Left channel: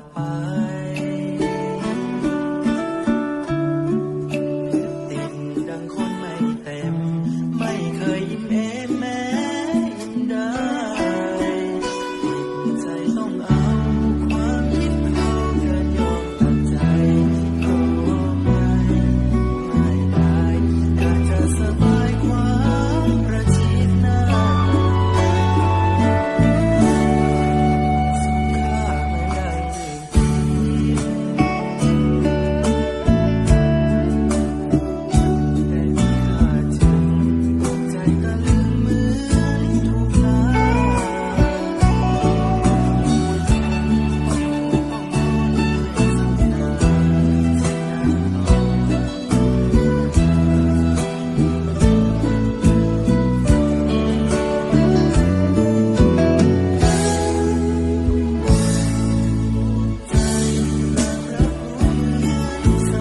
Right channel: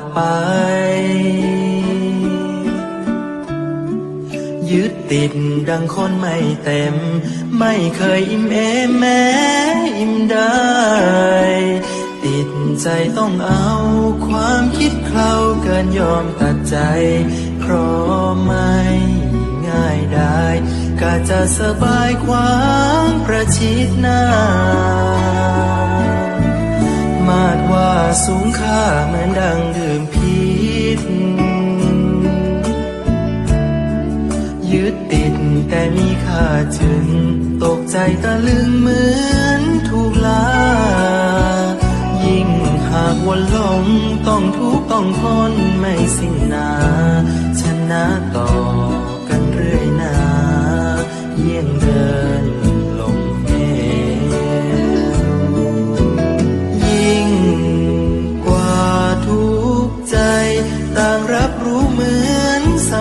ดไป ยึดติดดังคนไม่เต็ม ไม่เคยอิ่มเอมแม้อิ่มได้ ติดใจต้องเอาความคิดเคล้าเกินยอมตัดใจ เพราะไม่ง่ายได้กาจะสบายความประชิดหน้า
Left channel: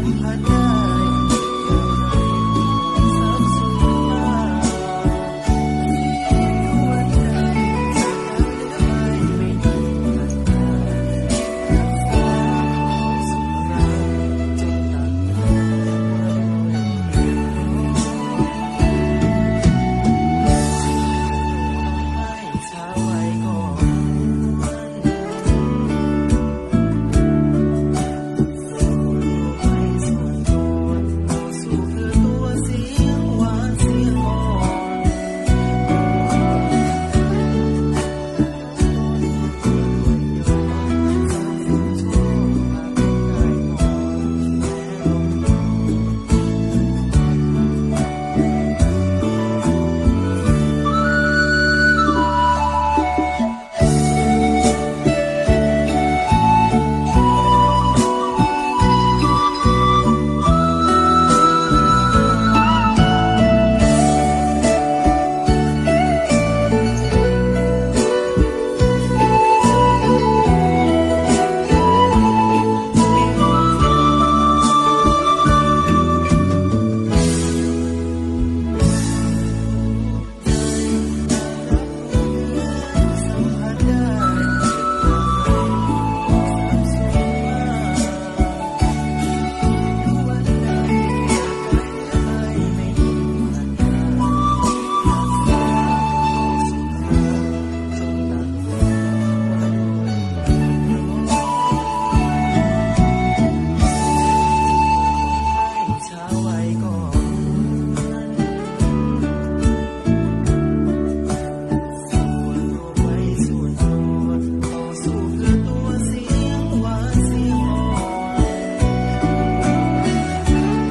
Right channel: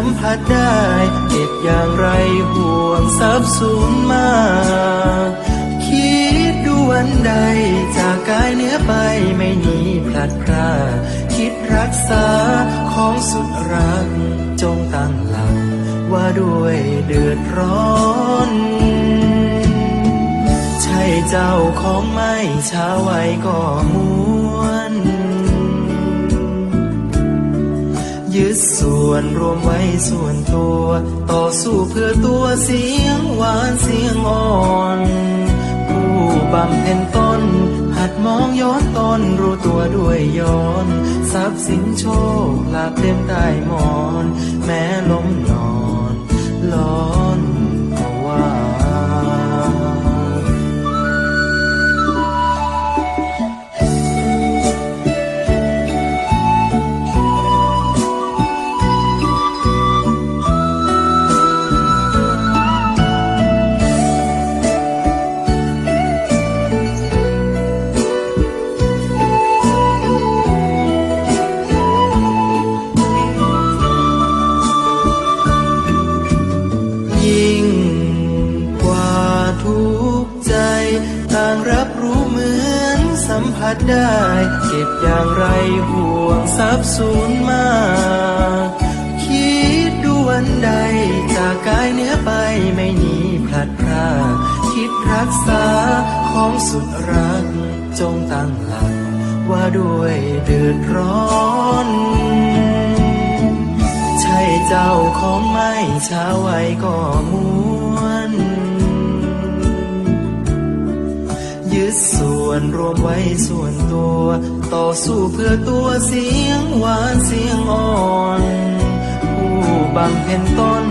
มผัสได้เก็บอย่างไรห่วงทรัพย์สูญมาก คิดดูวันใด จากกายเนื้อไปไม่หนีพลัดพรากคิดรักษาของสุดรัก จงตั้งหลักว่าด้วยเดือดร้อนใช่เจ้าของไม่ช้าไว้ก็มว วนรวมไว้ส่วนตัว ต่อสู้เพื่อตัวเสียงหวานเสียงอ่อนผู้บำเพ็ญตน หัดมองย้อนตนรู้ตัวด้วยย้อน ทรัพย์สินโชคลาภเต็มได้หมอน ดได้เก็บอย่างไรห่วงทรัพย์สูญมาก คิดดูวันใดจากกายเนื้อไปไม่หนีพลัดพรากคิดรักษาของสุดรักจงตั้งหลักว่าด้วยเดือดร้อน วนรวมไว้ส่วนตัว ต่อสู้เพื่อตัวเสียงหวานเสียงอ่อนผู้บำเพ็ญต้น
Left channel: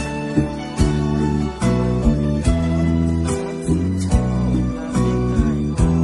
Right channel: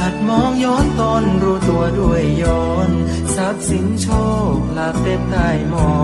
หัดมองย้อนตนรู้ตัวด้วยย้อน ทรัพย์สินโชคลาภเต็มใต้หมอ